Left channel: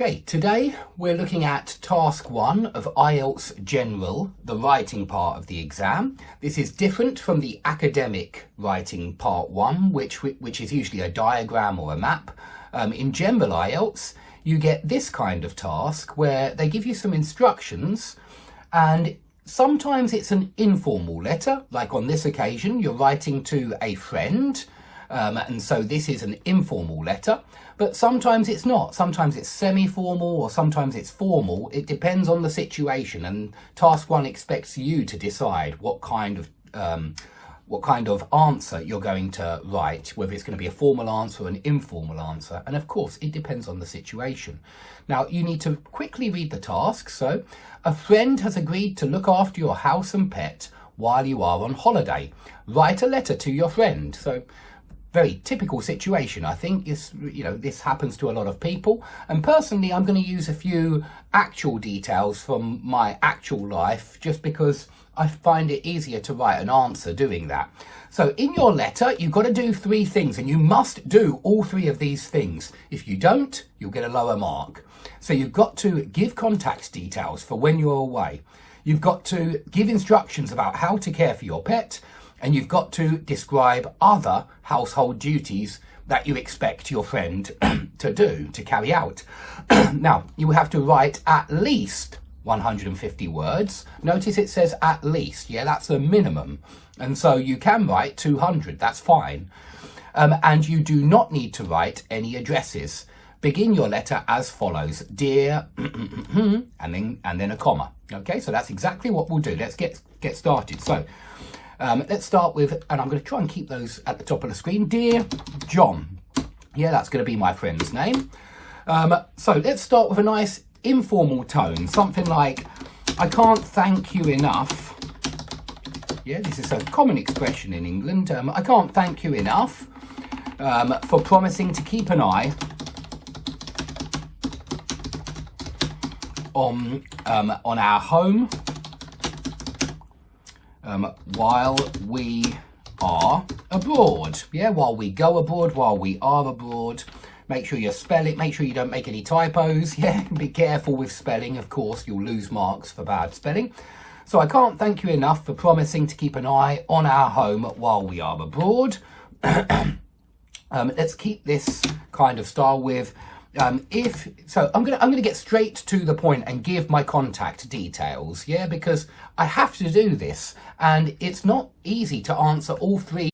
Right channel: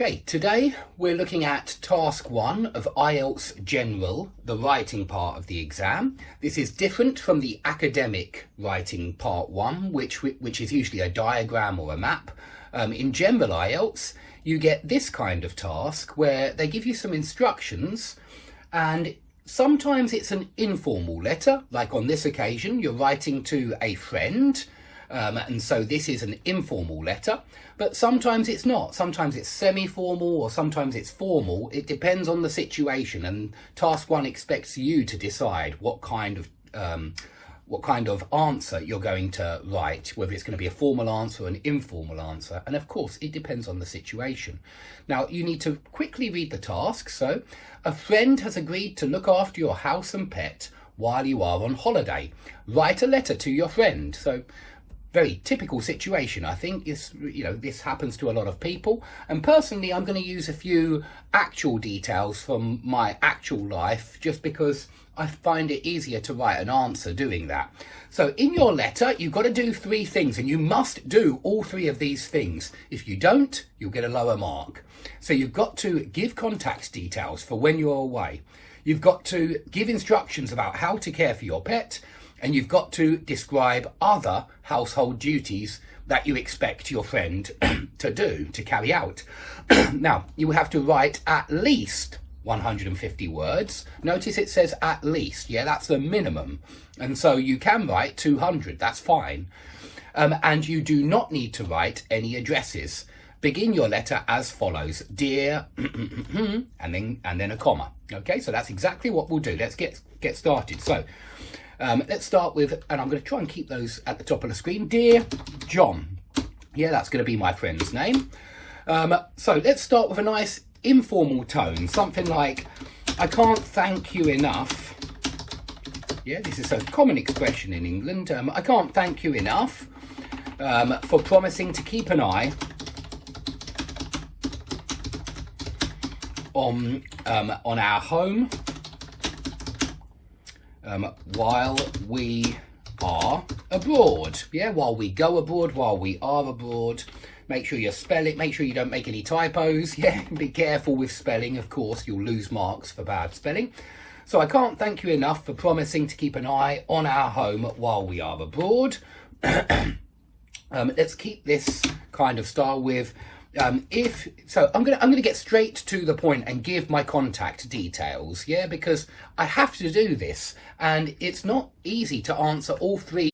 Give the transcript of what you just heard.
Okay, today we're looking at task 1 of IELTS General, the writing part of the exam. This is different from the academic writing part 1, which is usually a diagram or a map. In General IELTS, you get this kind of task where they give you some instructions, and sometimes it's an informal letter, like on this occasion you're writing to a friend, and so this is an informal letter. But sometimes it's not. Sometimes it's semi-formal or sometimes it's formal. It depends on the situation, and task 1 expects you to decide what kind of answer you're going to write, whether it's going to be a formal answer or an informal answer. And of course, it depends on the situation. Now, you need to quickly read the task. So, a friend has agreed to look after your house and pet while you are on holiday. Write a letter to your friend. So, very typical situation. I think this happens to a lot of people, and personally I'm going to use a few actual details from my actual life just because I find it easier to write an answer doing that. So in your letter you've got to do 3 things, and you must do all 3 of these things. If you don't, you'll get a lower mark. So you've got to give contact details for when you're away. You've got to give instructions about how to care for your pet, and you've got to describe other household duties that you expect your friend to carry out. Now, you will have to write at least 150 words. Notice it says at least, yeah, that's the minimum. And so you can write 200, that's fine. And you do not need to write any addresses. Begin your letter as follows: dear, and then a comma. Okay, so that's exactly what we'll do. Let's get started. So, let's start with, and I'm going to try and keep those at the top of the screen. Dear John. Yeah, that's going to be my friend's name. So let's start with a nice informal tone. Something like, I can't thank you enough. Yeah, this is a common expression in England. I can't thank you enough for promising to keep an eye on our home while we are abroad. Yeah, while we go abroad, while we are abroad. Make sure you spell it, make sure you don't make any typos. Yeah, be careful with spelling, of course, you'll lose marks for bad spelling. So I can't thank you enough for promising to keep an eye on our home while we are abroad. Let's keep this kind of style with I'm gonna get straight to the point and give my contact details, yeah, because I have to do this, and it's not easy to answer all 3